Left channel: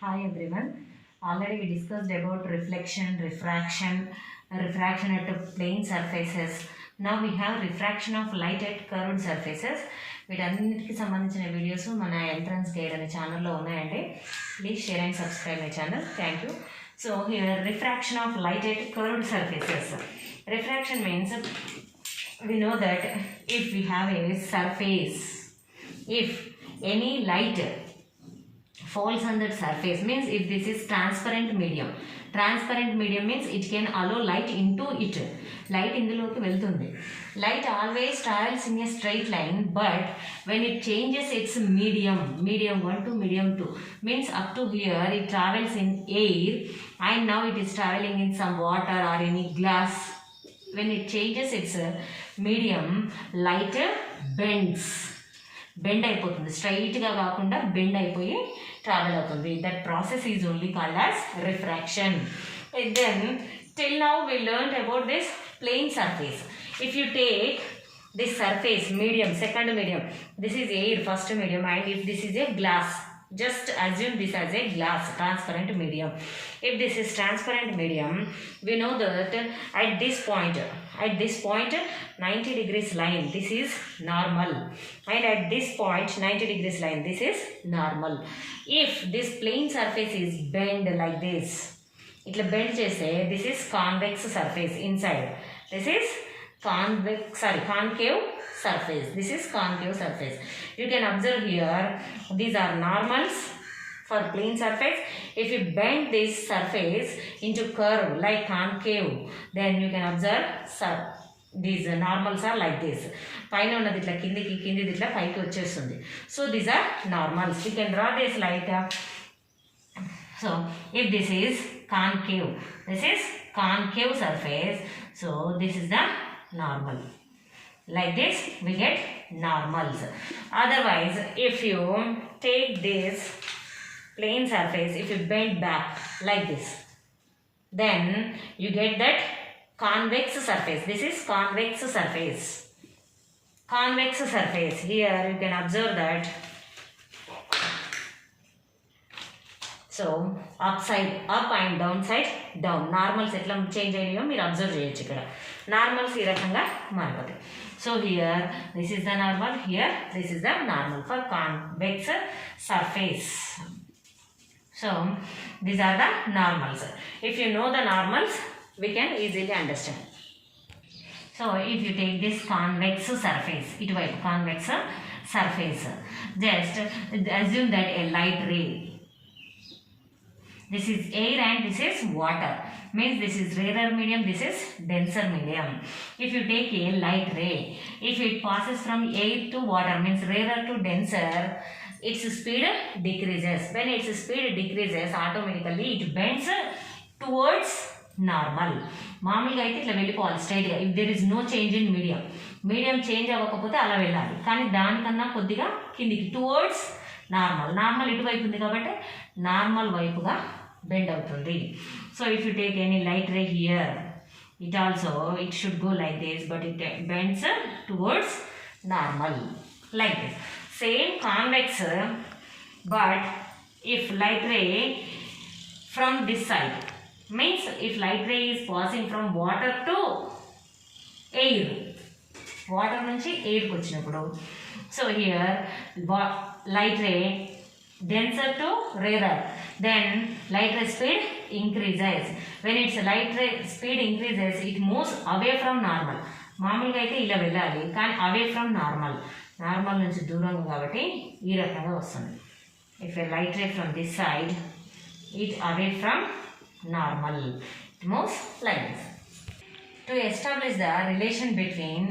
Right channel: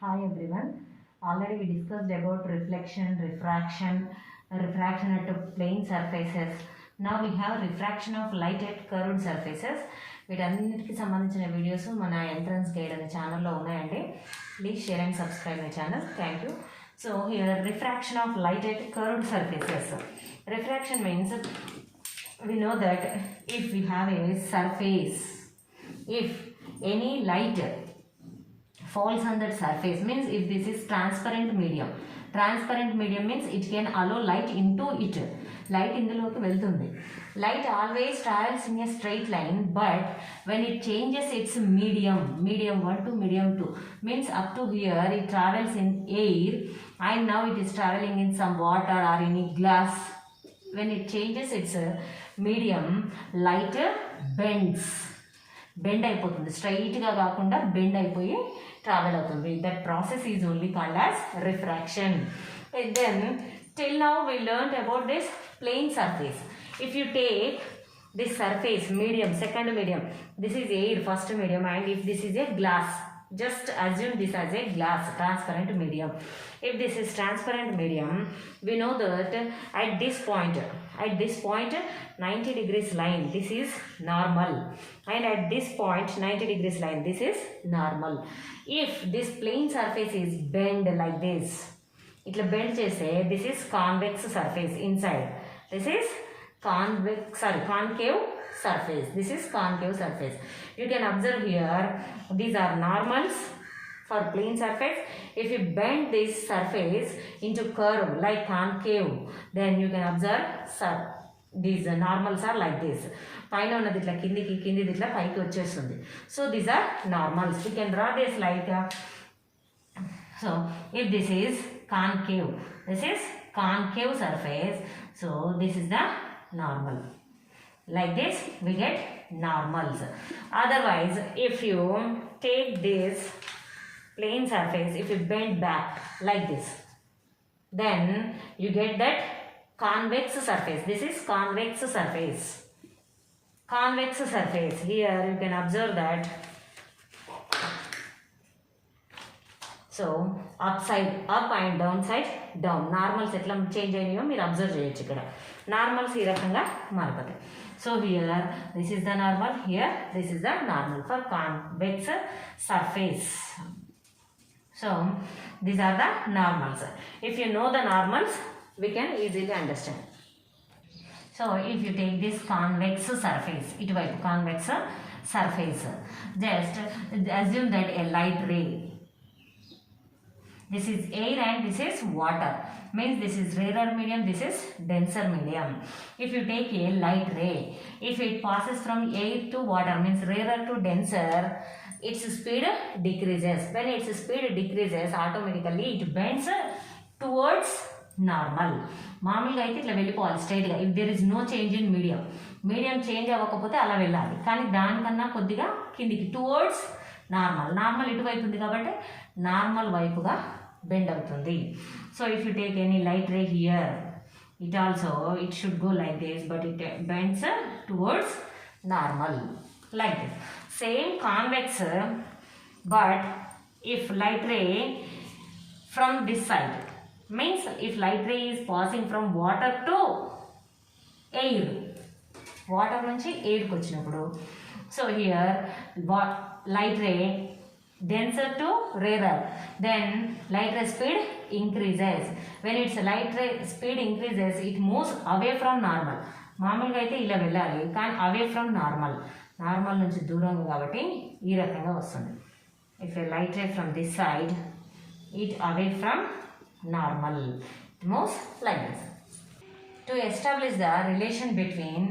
Hi everyone. Already we discussed about reflection, refraction at plane surfaces. Now we have refraction of light at curved surfaces. వీటన్నిటికి సంబంధించిన వీడియోస్ మన entrance guide అనే ఛానల్లో ఉన్నాయండి. Please share and subscribe my channel. Thank you. So here refraction of light at curved surfaces. Refraction means we know that if we have a surface, if any light falls on that surface, means if this is transparent medium means it can allow light into it. Light ఇందులోకి వెళ్తుంది. Light always travels in a straight line, but when it changes its medium 1 to medium 2, means up to here it travels in air and now it is traveling in some water or any glass. When it changes its medium, light bend అయిపోతుంది. స్ట్రైట్గా కాకుండా బెండ్ అయిపోయి travel అవుతుంది. That process is only called as refraction. Then till now we learned about this plane surface. If you take this surface medium, second medium, this is air, first medium, and if this is a glass, just assume this as a glass, transparent medium. If this is transparent medium, we know that at this point 90 degrees line, this is normal, and at this point 90 degrees line, this is normal. If this plane surface is bent like this, itla bend cheste, this is convex surface inside, this is concave surface, this is concave surface. You can observe here, these are normals for plane surface. If you bend this surface into curve like concave, then you can observe these normals are like this. పైన ఉన్నది ఇట్లా కిందిది ఇట్లా పైకి వచ్చేస్తుంది. So these are normals. You can draw this like, so if this is concave surface, so this is the normal. Like this we get normals. Otherwise, if you take this plane surface, if you bend back like this, then you get that convex surface. This is convex surface. Here you can observe that. So upside up and downside down. Normals ఎట్లా చేంజ్ అయ్యాయో మీరు అబ్జర్వ్ చేయొచ్చు. ఇక్కడ నార్మల్స్ ఈ రకంగా మారిపోతాయి. So here this is the normal, here this is the normal for convex surface. So these are the normals. If you know the normals, we can easily understand. So if you take this convex surface, ఇటువైపు convex surface, just assume that a light ray, this is air and this is water, means this is rarer medium, this is denser medium. If you take a light ray, if it passes from air to water, means rarer to denser, its speed decreases. When its speed decreases, automatically it bends towards normal. మామూలుగా అయితే ఇట్లా వెళ్ళిపోవాలి స్ట్రైట్గా. If there is no change in medium change అవ్వకపోతే అలా వెళ్ళాలి. కానీ దానికన్నా కొద్దిగా కిందికి టువర్డ్స్ నార్మల్ ఇటువైపు ఉంది కాబట్టి నార్మల్ వైపుగా బెండ్ అవుతుంది. So if you take any light ray here, it should go like this, but it bends towards normal like this. Same convex, but if light ray from this side, means if light ray is passing from water to air, water నుంచి ఎయిర్కి వచ్చినప్పుడు, so here light ray denser to rarer, then light ray speed increases. When its light ray speed increases, it moves away from normal. మామూలుగా అయితే ఇలా వెళ్ళాలి, కానీ away from normal నుంచి దూరంగా కాబట్టి ఈ రకంగా వస్తుంది. ఇఫ్ ఏ light ray from this side, it away from normal, it moves like this. To establish the relation between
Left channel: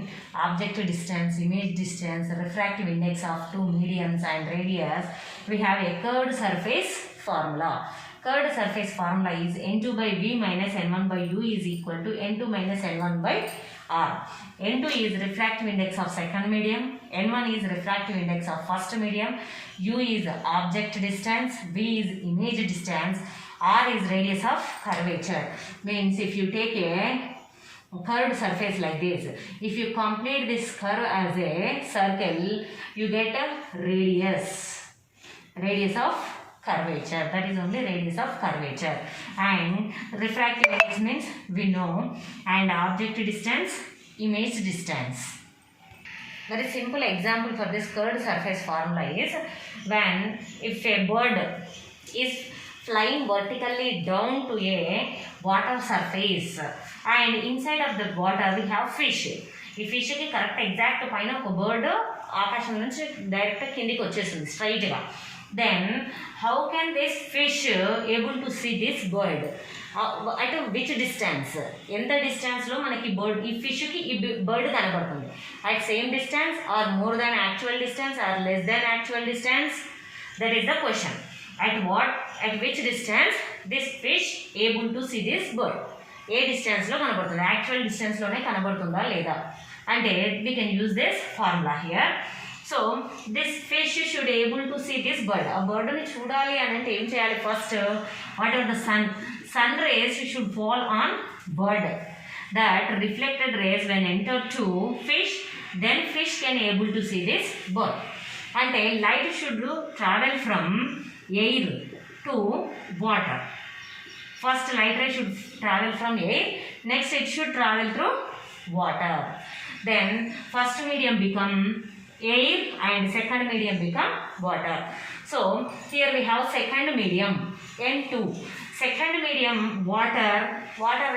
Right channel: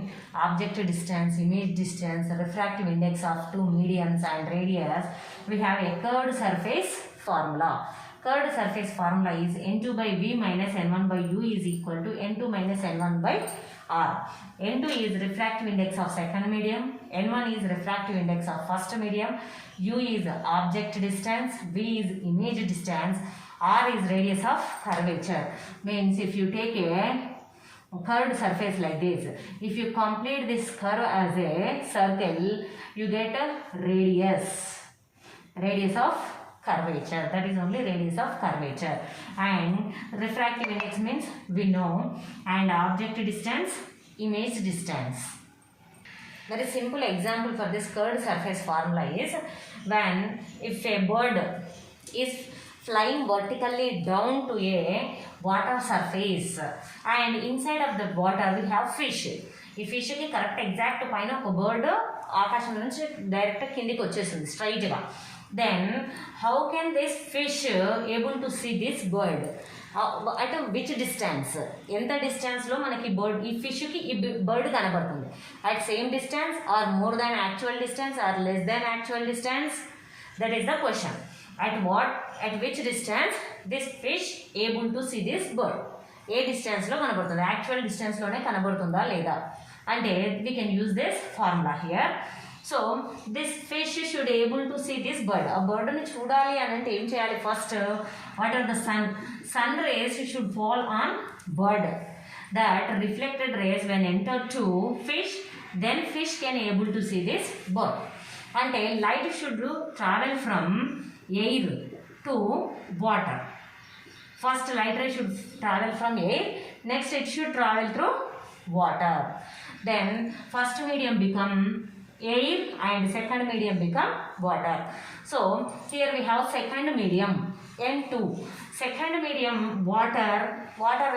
object distance, image distance, refractive index of two mediums and radius, we have a curved surface formula. Curved surface formula is n2 by v minus n1 by u is equal to n2 minus n1 by r. n2 is refractive index of second medium, n1 is refractive index of first medium, u is object distance, v is image distance, r is radius of curvature. Means if you take a curved surface like this, if you complete this curve as a circle, you get a radius of curvature. That is only radius of curvature. And refractive index means we know, and object distance, image distance. Very simple example for this curved surface formula is when if a bird is flying vertically down to a water surface and inside of the water we have fish. ఈ ఫిష్కి correct exact పైన ఒక బర్డ్ ఆకాశం నుంచి డైరెక్ట్ కిందికి వచ్చేసింది స్ట్రైట్గా. Then how can this fish able to see this bird at which distance, ఎంత డిస్టెన్స్లో మనకి బర్డ్ ఈ ఫిష్కి ఈ బర్డ్ కనబడుతుంది. At same distance or more than actual distance or less than actual distance, that is the question. at which distance this fish able to see this bird, ఏ డిస్టెన్స్లో కనబడుతుంది, యాక్చువల్ డిస్టెన్స్లోనే కనబడుతుందా లేదా అంటే we can use this formula here. So this fish should able to see this bird. ఆ బర్డ్ని చూడాలి అని అంటే ఏం చేయాలి, first what are the sun rays should fall on bird. That reflected rays when enter to fish, then fish can able to see this bird. అంటే light should travel from air to water. First light ray should travel from air, next it should travel through water. Then first medium become air and second medium become water. So here we have second medium N2. Second medium water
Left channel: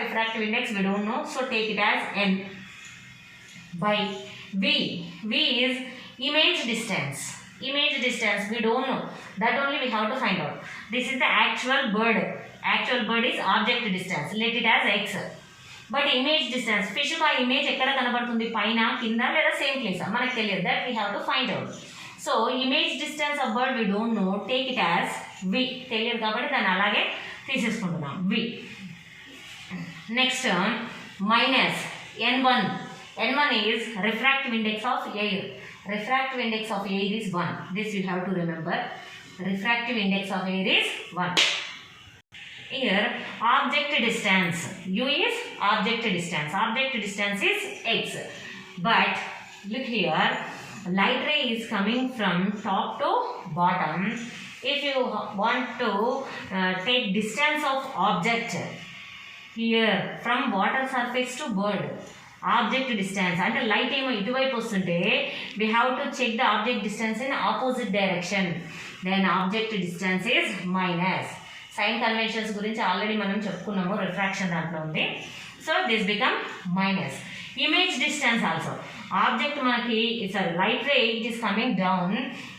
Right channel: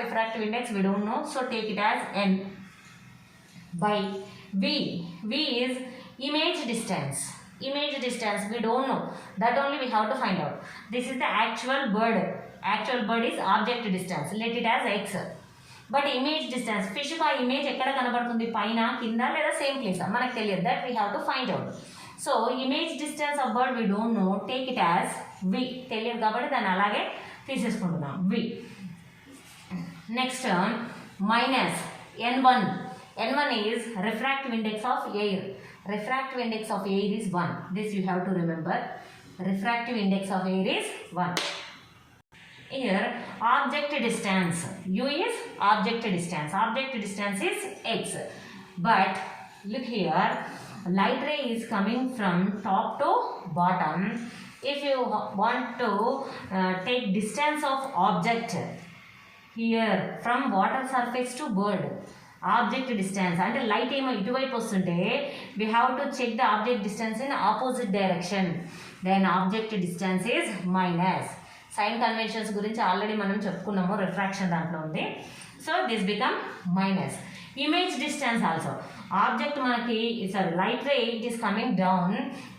refractive index we don't know, so take it as N by V is image distance. Image distance we don't know, that only we have to find out. This is the actual bird is object distance, let it as x. But image distance, fish కి ఆ ఇమేజ్ ఎక్కడ కనబడుతుంది, పైన కింద లేదా same place మనకు తెలియదు, that we have to find out. So image distance of bird we don't know, take it as v, తెలియదు కాబట్టి దాన్ని అలాగే తీసేసుకుంటున్నాం v. Next minus n1 is refractive index of air. Refractive index of air is 1. This you have to remember. Refractive index of air is 1. Here object distance, u is object distance. Object distance is x. But look here, light ray is coming from top to bottom. If you want to take distance of object here from water surface to bird, object distance అంటే light ఏమో ఇటువైపు వస్తుంటే we have to check the object distance in opposite direction. Then object distance is minus. Sign conventions గురించి already మనం చెప్పుకున్నాము, refraction దాంట్లో ఉంది. So this become minus. Image distance also, object మనకి light ray it is coming down,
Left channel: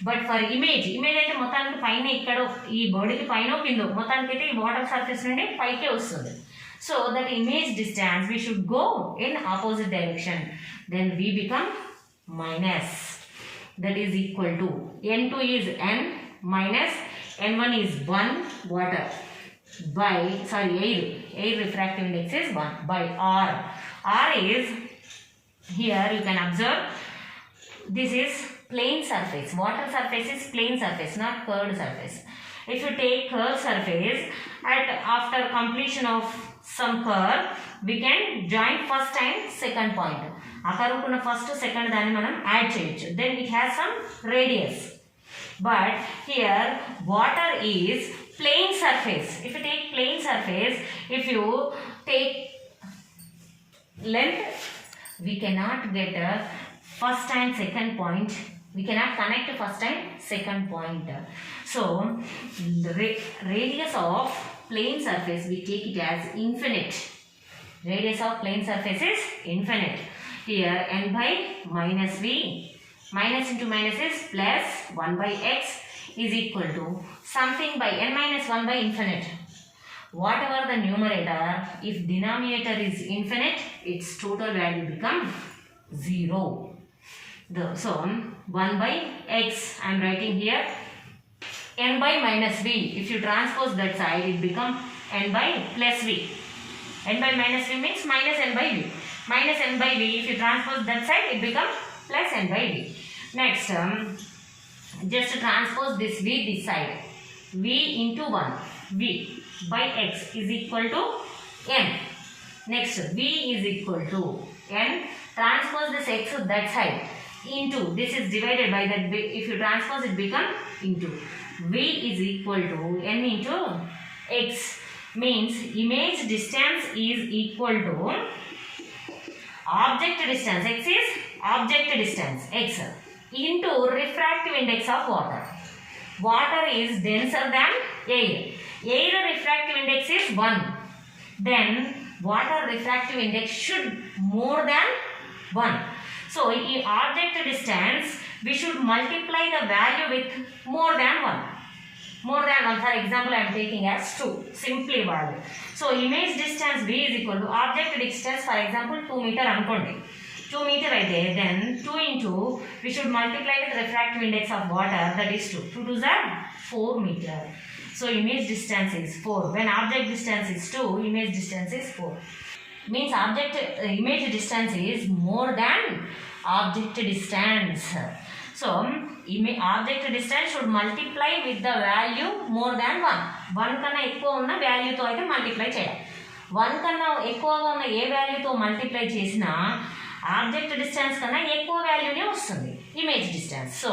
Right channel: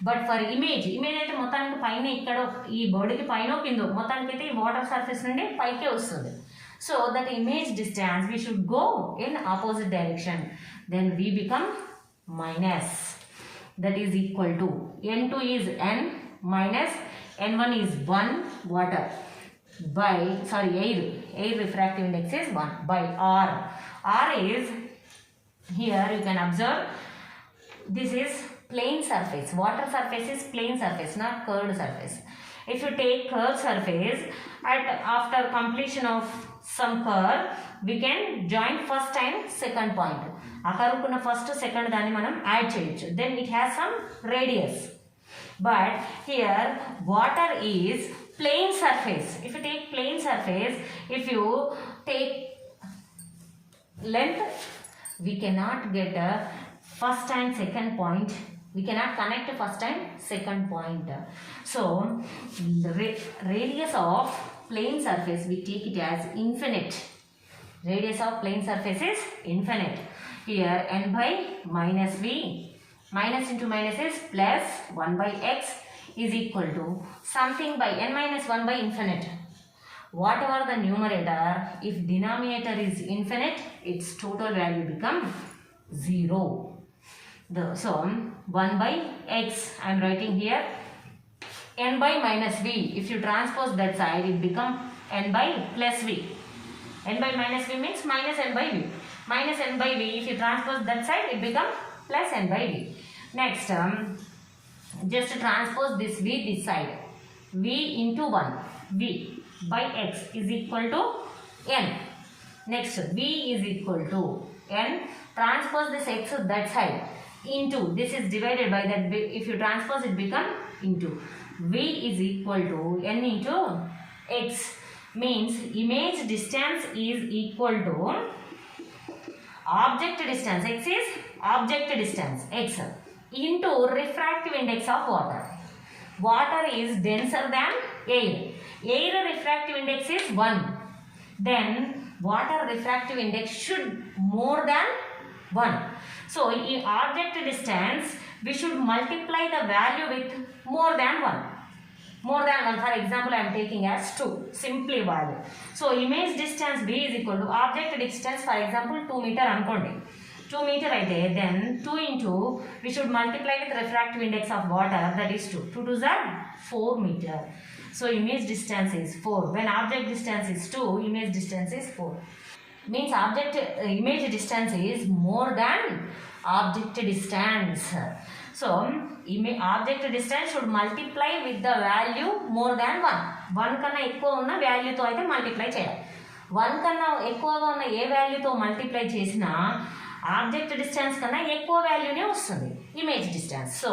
but for image అయితే మొత్తానికి పైన ఇక్కడ ఈ బర్డ్కి పైన కింద మొత్తానికి అయితే ఈ వాటర్ సర్ఫేస్ నుండి పైకే వస్తుంది. So that image distance we should go in opposite direction. Then we become minus. That is equal to n2 is n minus n1 is 1 water by air refractive index is 1 by r. R is here you can observe this is plane surface. Water surface is plane surface, not curved surface. If you take curved surface, after completion of some curve we can join first and second point. ఆ కర్వ్కున్న first second దాన్ని మనం add చేయొచ్చు. Then it has some radius. But here water is plane surface. If you take plane surface, if you take length, we cannot get a first and second point. We cannot connect first and second point. So the radius of plane surface we take it as infinite. Radius of plane surface is infinite. Here n by minus v, minus into minus is plus 1 by x is equal to something by n minus 1 by infinite. Whatever the numerator, if denominator is infinite, its total value become 0. So 1 by x I am writing here, n by minus v, if you transpose that side it become n by plus v. N by minus v means minus n by v. Minus n by v, if you transpose that side it become plus n by v. Next just transpose this v this side, v into 1, v by x is equal to n. Next v is equal to n, transpose this x that side into, this is divided by that, if you transpose it become into, V is equal to n into x, means image distance is equal to object distance, x is object distance, x, into refractive index of water. Water is denser than air. Air refractive index is 1. Then water refractive index should more than 1. So in object distance, we should multiply the value with more than 1. More than 1, for example, I am taking as 2, simply value. So image distance B is equal to object distance, for example, 2 meter ankondi. 2 meter అయితే then 2 into, we should multiply with refractive index of water, that is 2. 2 2s are 4 meter. So image distance is 4. When object distance is 2, image distance is 4. Means image distance is more than object distance. So object distance should multiply with the value more than 1. 1 కన్నా ఎక్కువ ఉన్న వాల్యూతో అయితే మల్టిప్లై చేయాలి. 1 కన్నా ఎక్కువగా ఉన్న ఏ వాల్యూతో మల్టిప్లై చేసినా ఆబ్జెక్ట్ డిస్టెన్స్ కన్నా ఎక్కువ వాల్యూనే వస్తుంది image distance. So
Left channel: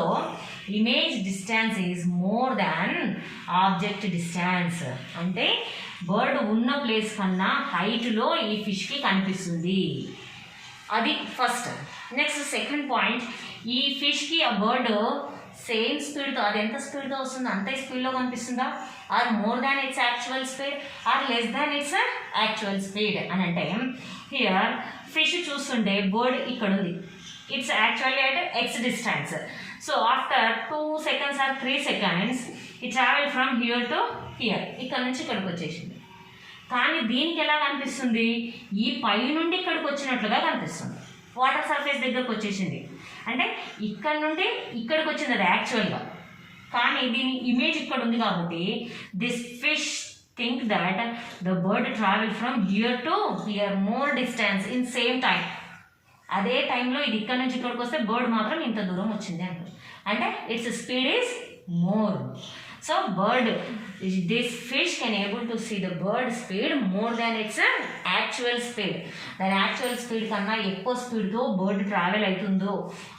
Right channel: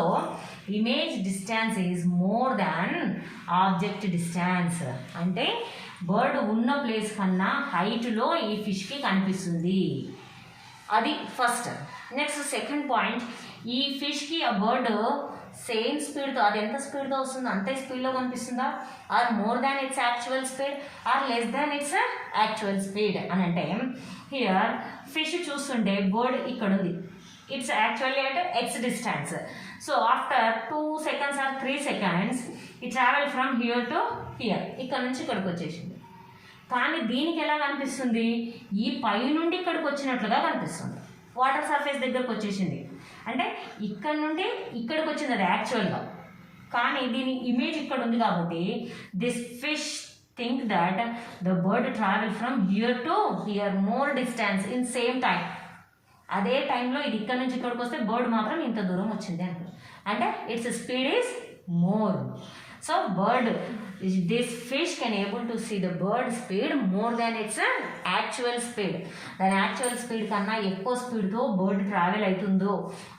image distance is more than object distance. అంటే బర్డ్ ఉన్న ప్లేస్ కన్నా హైట్లో ఈ ఫిష్కి కనిపిస్తుంది. అది ఫస్ట్. నెక్స్ట్ సెకండ్ పాయింట్, ఈ ఫిష్కి ఆ బర్డ్ సేమ్ స్పీడ్తో, అది ఎంత స్పీడ్తో వస్తుందో అంతే స్పీడ్లో కనిపిస్తుందా, or more than its actual speed, or less than its actual speed అని అంటే, హియర్ ఫిష్ చూస్తుంటే బర్డ్ ఇక్కడ ఉంది, ఇట్స్ యాక్చువల్లీ అంటే X distance. So after 2 seconds or 3 seconds it travel from here to here, ఇక్కడ నుంచి ఇక్కడికి వచ్చేసింది. కానీ దీనికి ఎలా కనిపిస్తుంది, ఈ పై నుండి ఇక్కడికి వచ్చినట్లుగా కనిపిస్తుంది. వాటర్ సర్ఫేస్ దగ్గరకు వచ్చేసింది అంటే ఇక్కడ నుండి ఇక్కడికి వచ్చింది అది యాక్చువల్గా. కానీ దీని ఇమేజ్ ఇక్కడ ఉంది కాబట్టి this fish think that the bird travel from here to here more distance in same time. అదే టైంలో ఇది ఇక్కడ నుంచి ఇక్కడికి వస్తే బర్డ్ మాత్రం ఇంత దూరం వచ్చింది అంటారు. అంటే it's speed is more. So this fish can able to see the bird speed more than its actual speed. Then actual speed కన్నా ఎక్కువ స్పీడ్తో బర్డ్ ట్రావెల్ అవుతుందో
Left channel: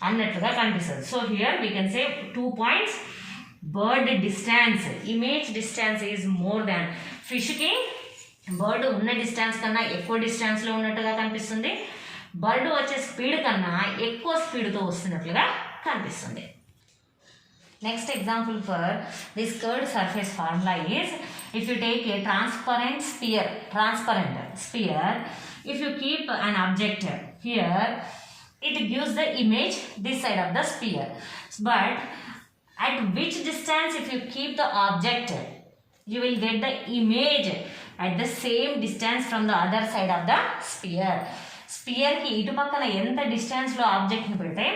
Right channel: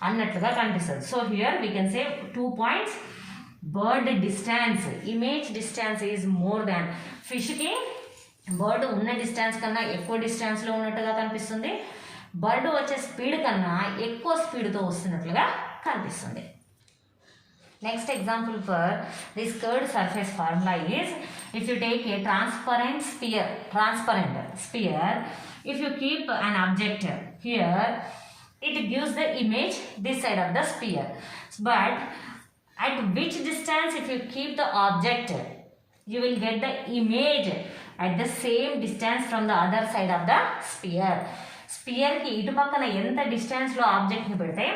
అన్నట్లుగా కనిపిస్తుంది. So here we can say 2 points. Bird distance, image distance is more than, ఫిష్కి bird ఉన్న distance కన్నా ఎక్కువ డిస్టెన్స్లో ఉన్నట్టుగా కనిపిస్తుంది. బర్డ్ వచ్చే స్పీడ్ కన్నా ఎక్కువ స్పీడ్తో వస్తున్నట్లుగా కనిపిస్తుంది. Next example for this curved surface formula is, if you take a transparent sphere, if you keep an object here, it gives the image this side of the sphere. But at which distance if you keep the object, you will get the image at the same distance from the other side of the sphere. Sphere ki ఇటు పక్కన ఎంత డిస్టెన్స్లో ఆబ్జెక్ట్ని పెడితే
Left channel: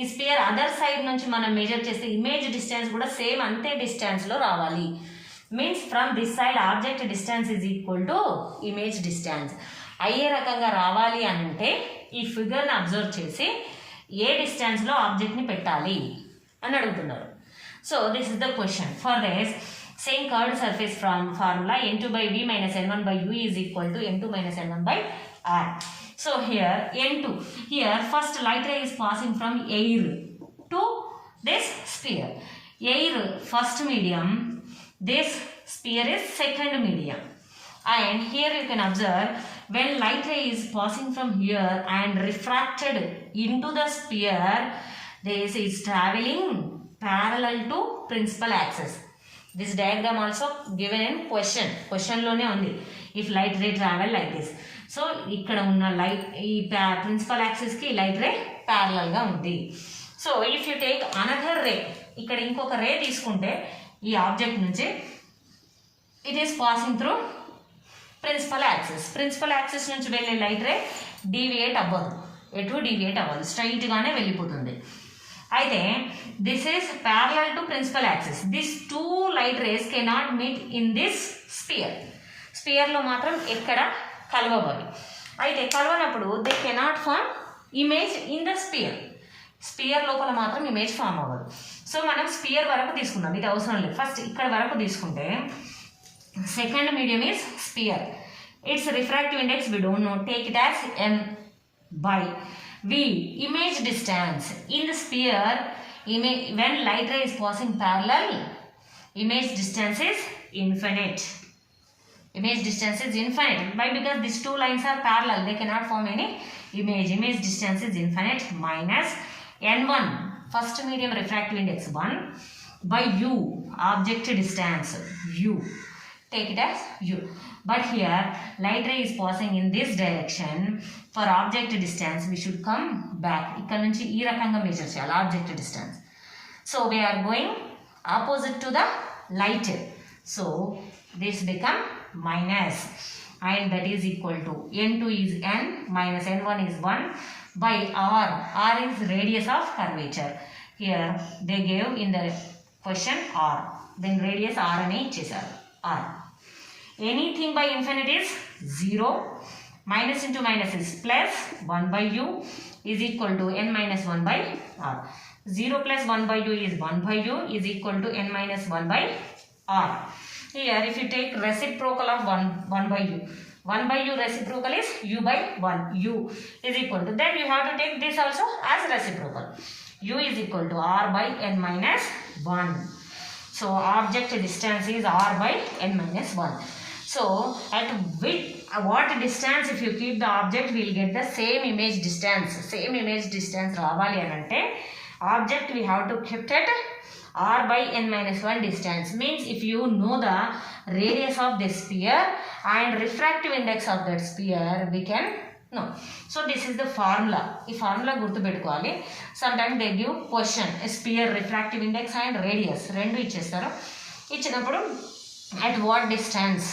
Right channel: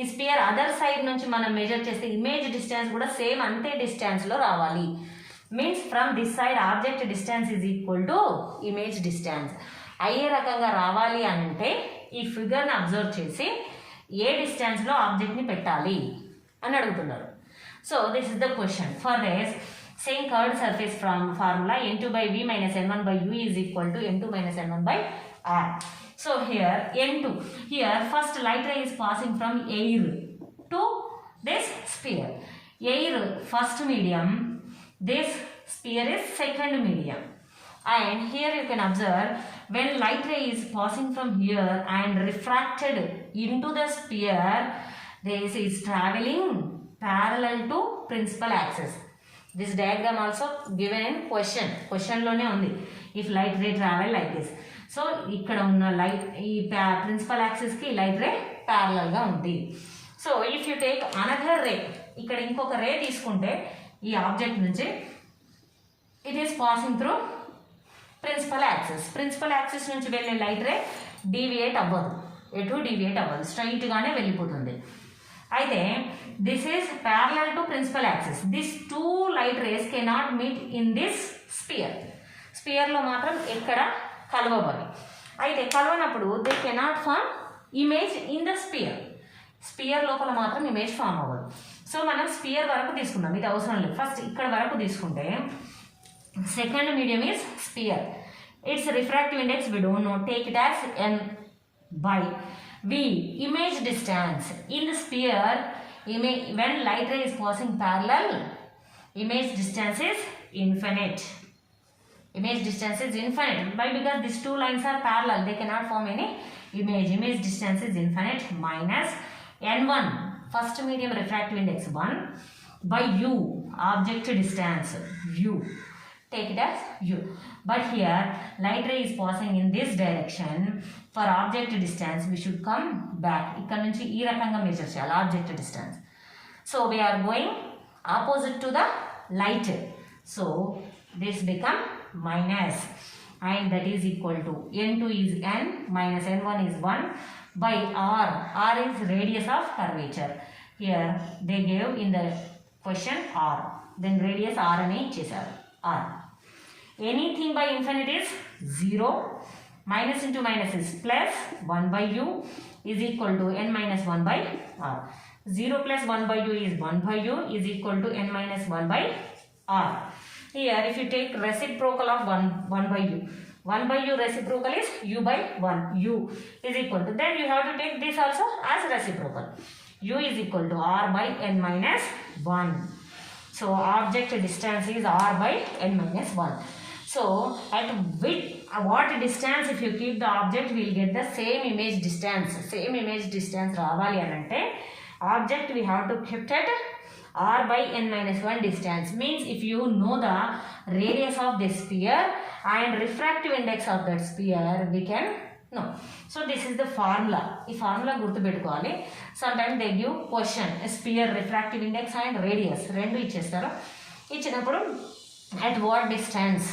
ఈ spear other side నుంచి మనం మెజర్ చేస్తే ఇమేజ్ డిస్టెన్స్ కూడా సేమ్ అంతే డిస్టెన్స్లో రావాలి. Means from this side object distance is equal to image distance అయ్యే రకంగా రావాలి అంటే ఈ ఫిగర్ని అబ్జర్వ్ చేసి ఏ డిస్టెన్స్లో ఆబ్జెక్ట్ని పెట్టాలి అని అడుగుతున్నారు. So this is the question. For this same curved surface from formula n2/v minus n1/u is equal to n2 minus n1/r. So here n2, here first light ray is passing from air to this sphere. Air first medium, this sphere is second medium. And here you can observe when light ray is passing from here and refracted into the sphere, this is traveling parallel to principal axis. This diagram also given in question లోనే ఉంది. If light ray travel like this, so ఇక్కడ ఉన్న లైట్ ఈ ప్రిన్సిపల్ యాక్సిస్కి light ray ప్యారలల్గా ఉంది. So if you take another ray, ఇక్కడ ఇంకొక రే తీసుకుంటే ఈ ఆబ్జెక్ట్ నుంచి it is passing through principal axis నుంచి వెళ్ళే లైట్ రే డీవియేట్ అవ్వదు, ఎటు డీవియేట్ అవ్వదు, స్ట్రైట్గానే వెళ్ళిపోతుంది. అయితే this is parallel to principal axis. This 2 light rays cannot meet in this స్పియర్లో మాత్రం ఎక్కడ కలవబోయి. అయితే కలవనప్పుడు they cannot form image in the sphere లోపల మాత్రం ఇమేజ్ ఫామ్ అవ్వదు. సో మనం స్పియర్ వరకు తీసుకుందాం, ఇది అవసరం లేదు. ఫస్ట్ ఇక్కడ వరకు తీసుకుంటే second medium is sphere. Its refractive index we don't know, take it as n/v. image distance in the sphere, when light ray is passing parallel Image distance is infinite. Image distance is infinite. Why? Because these two lines are parallel. They cannot form any image. Image distance is infinite minus n1, first medium refractive index 1, by u, object distance u. Take it as u. But here light ray is passing in this direction. For object distance we should come back. ఇక్కడ నుంచి ఈ రకంగా మెజర్ చేయాలి object distance. So we are going opposite to the light. So this become minus, and that is equal to n2 is n minus n1 is 1 by r. R is radius of curvature. Here they gave in the question r. Then radius r అని ఇచ్చేసారు r. Anything by infinity is 0. Minus into minus is plus 1 by u is equal to n minus 1 by r. 0 plus 1 by u is 1 by u is equal to n minus 1 by r. Here if you take reciprocal of 1 by u, 1 by u reciprocal is u by 1. U is equal to, then you have to take this also as reciprocal. U is equal to r by n minus 1. So object distance is r by n minus 1. So at what distance if you keep the object, we will get the same image distance. Same image distance రావాలి అని అంటే object we have to keep at r by n minus 1 distance. Means if you know the radius of the sphere and refractive index of that sphere, we can know. So this is the formula. ఈ ఫార్ములా గుర్తుపెట్టుకోవాలి. Sometimes they give question, sphere, refractive index and radius రెండు ఇచ్చేస్తారు. ఇచ్చినప్పుడు at what distance,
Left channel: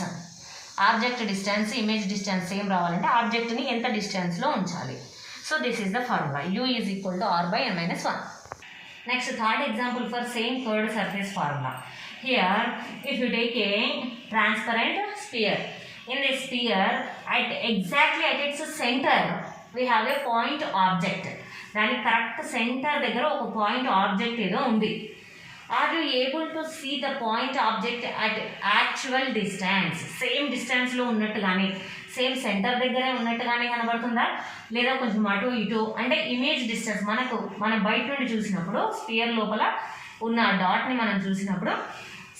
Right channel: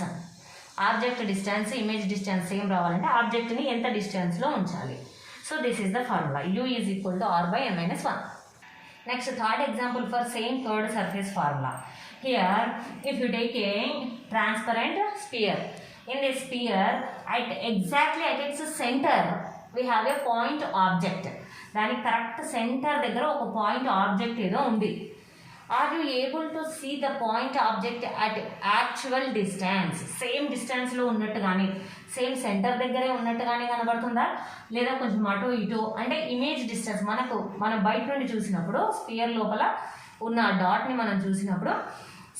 object distance, image distance same రావాలంటే ఆబ్జెక్ట్ని ఎంత డిస్టెన్స్లో ఉంచాలి. So this is the formula. u is equal to R by n minus 1. Next third example for same curved surface formula. Here if you take a transparent sphere, in the sphere exactly at its center we have a point object. దాని correct centre దగ్గర ఒక point object ఏదో ఉంది. Are you able to see the point object at actual distance? Same డిస్టెన్స్లో ఉన్నట్టుగానే, same centre దగ్గరే ఉన్నట్టుగానే కనబడుతుందా, లేదా కొంచెం అటు ఇటు అంటే ఇమేజ్ డిస్టెన్స్ మనం బయట నుండి చూసినప్పుడు స్పియర్ లోపల ఉన్న డాట్ని మనం చూసినప్పుడు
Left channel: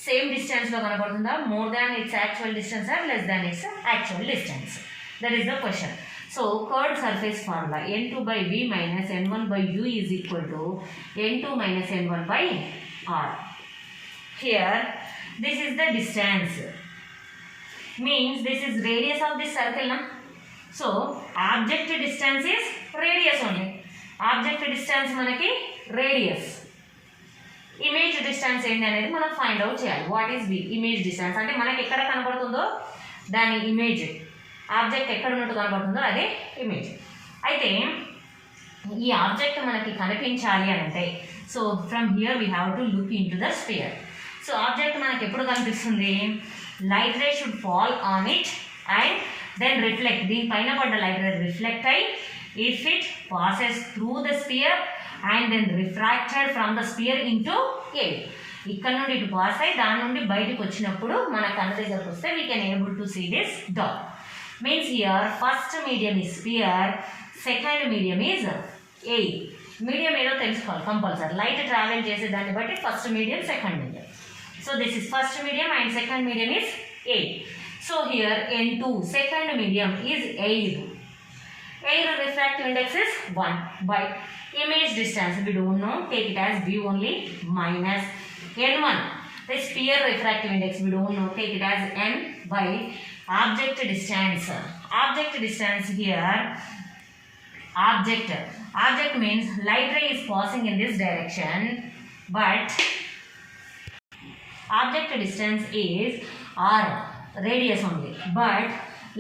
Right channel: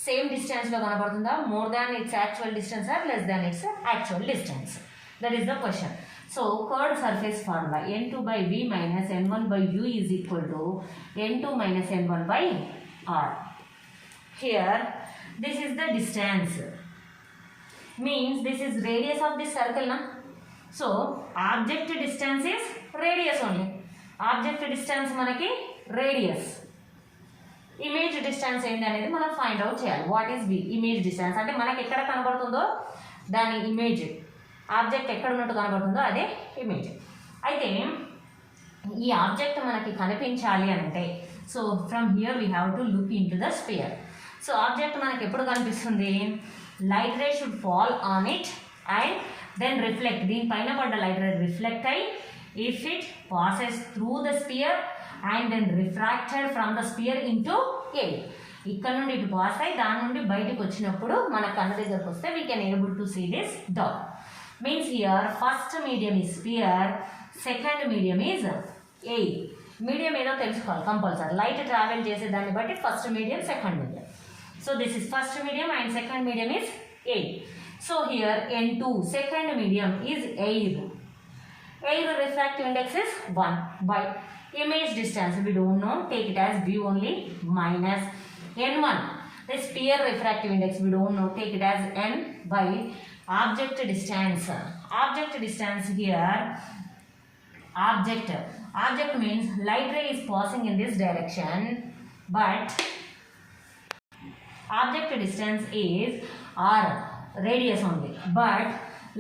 సేమ్ డిస్టెన్స్లో కనబడుతుందా, more than its actual distance or less than its actual distance? That is the question. So curved surface formula n2 by v minus n1 by u is equal to n2 minus n1 by r. Here this is the distance, means this is radius of this circle na. So object distance is radius only. Object distance manaki radius. Image distance ఏంటి అనేది మనం find out చేయాలి. What is v? Image distance అంటే మనకి ఎక్కడ కనబడుతుందో దాని image, object ఎక్కడ ఉన్నట్టు కనబడుతుందో అదే ఇమేజ్. అయితే ఈ ఆబ్జెక్ట్ మనకి కనిపించాలి అని అంటే, so from here we have to look into the sphere. So object మనకి ఎప్పుడు కనిపిస్తుంది? Light ray should fall on it and then reflect. దీనిపైన పడ్డ లైట్ రే రిఫ్లెక్ట్ అయ్యి if it passes through the sphere and then refracted from the sphere into air. ఇక్కడ నుండి ఇటు పాస్ అయ్యి దాని నుండి బయటకు వచ్చినప్పుడు మన కన్ను దగ్గరకు వస్తే we can able to see this dot. Means here first medium is sphere, second medium is air. Medium ఏదో తెలుసుకోవాలి కంపల్సరీ. లైట్ ట్రావెల్ చేసే దాన్ని బట్టి first medium, second medium. So this is first medium and second medium is air. So here n2 second medium is air. Air refractive index is 1 by image distance we don't know, take it as v only, minus n1 the sphere refractive index we don't know, take it as n by object distance. Object distance here, object means light ray is passing in this direction, but object distance is r, radius only, but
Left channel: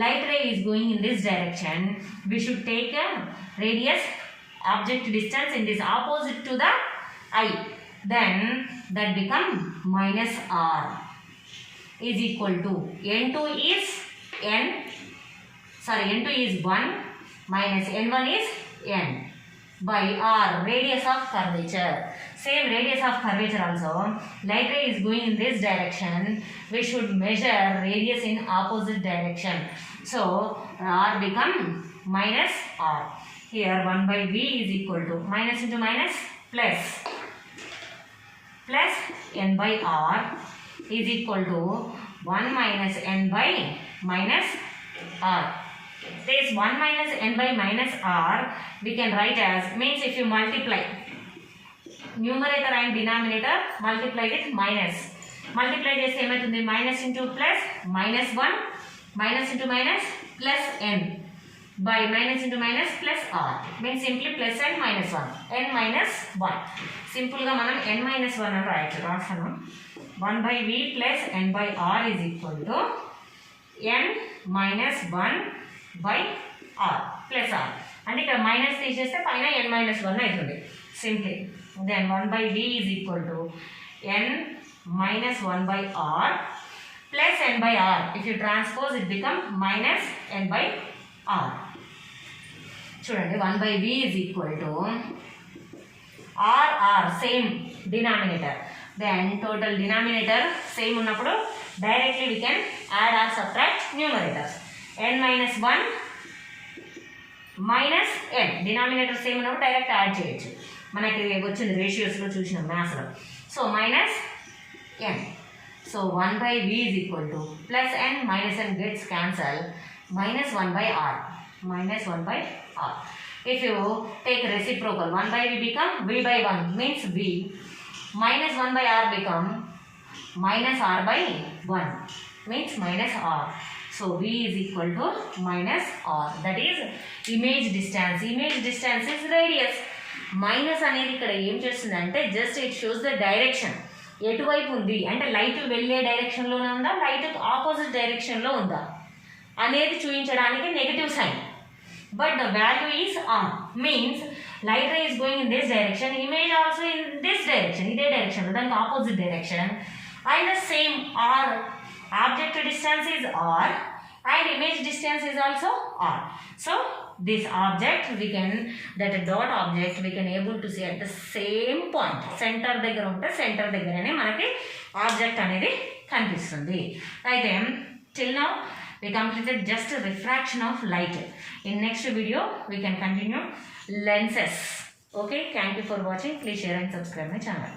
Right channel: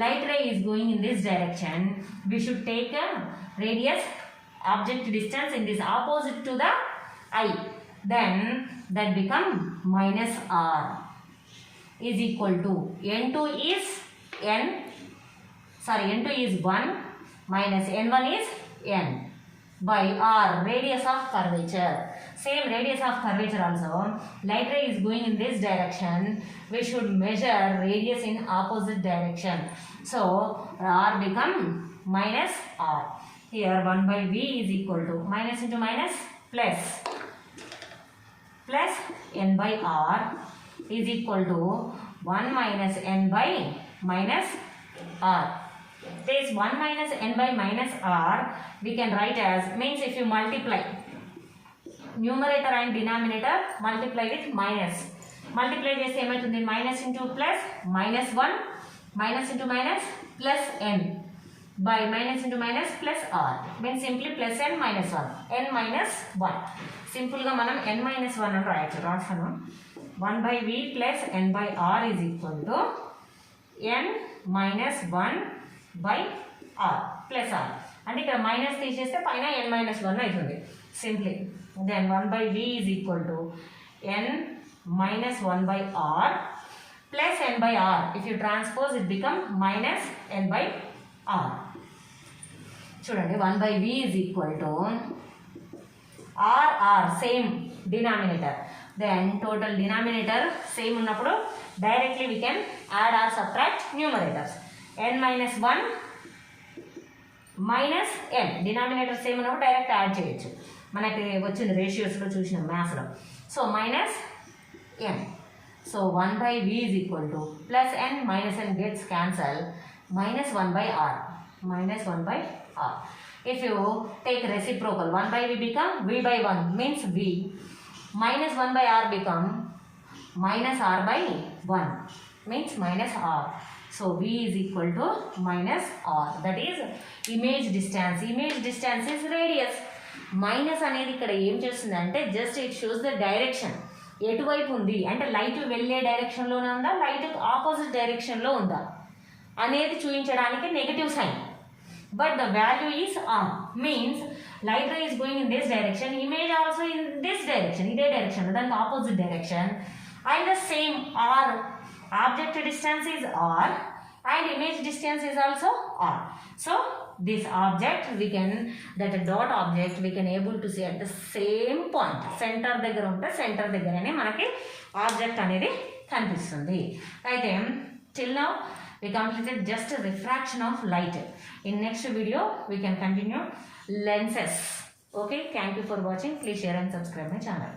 light ray is going in this direction. We should take a radius, object distance in this opposite to the eye, then that become minus r is equal to n2 is 1 minus n1 is n by r, radius of curvature. Same radius of curvature also, light ray is going in this direction, we should measure radius in opposite direction. So r become minus r. Here 1 by v is equal to minus into minus plus n by r is equal to 1 minus n by minus r. This 1 minus n by minus r we can write as, means if you multiply numerator and denominator, multiply with minus. Multiply చేస్తే ఏమవుతుంది, minus into plus minus 1 minus into minus plus n by minus into minus plus r, means simply plus n minus 1 n minus 1. సింపుల్ గా మనం n minus 1 అని రాయొచ్చు. రాస్తాను 1 by v plus n by r is equal to n minus 1 by r plus r. అంటే ఇక్కడ మైనస్ తీసేస్తే పైన n minus 1 అవుతుంది simply. then 1 by v is equal to n minus 1 by r plus n by r. If you transpose it become minus n by r. చూడండి 1 by v is equal to r same denominator. then total denominator same ఉన్నప్పుడు directly we can add or subtract numerators. n minus 1 minus n, denominator same ఉన్నప్పుడు direct add చేయొచ్చు. మనకి వచ్చింది రేషియోస్లో చూసిన మ్యాథ్స్లో. So minus n. So 1 by v is equal to plus n minus n gets cancelled, minus 1 by r, minus 1 by r. If you take reciprocal, 1 by v become v by 1 means v, minus 1 by r become minus r by 1 means minus r. So v is equal to minus r, that is image distance. Image distance is radius. Minus అనేది ఇక్కడ ఏం చేస్తుందంటే just it shows the direction, ఎటువైపు ఉంది అంటే లైట్ వెళ్ళే డైరెక్షన్లోనే ఉందా, లైట్ ఆపోజిట్ డైరెక్షన్లో ఉందా అనేది చూపించడానికి negative sign. But the value is on, means light ray is going in this direction, image also in this direction, ఇదే డైరెక్షన్ దానికి opposite direction. And the same R, object distance is R and image distance is also r. So this object we can, that dot object we can able to see at the same point, center దగ్గర ఉంటే సెంటర్ దగ్గరనే మనకి ఆబ్జెక్ట్ అనేది కనిపిస్తుంది. అయితే till now we completed just refraction of light. In next video we can continue lenses. Okay, thank you for watching. Please share and subscribe my channel.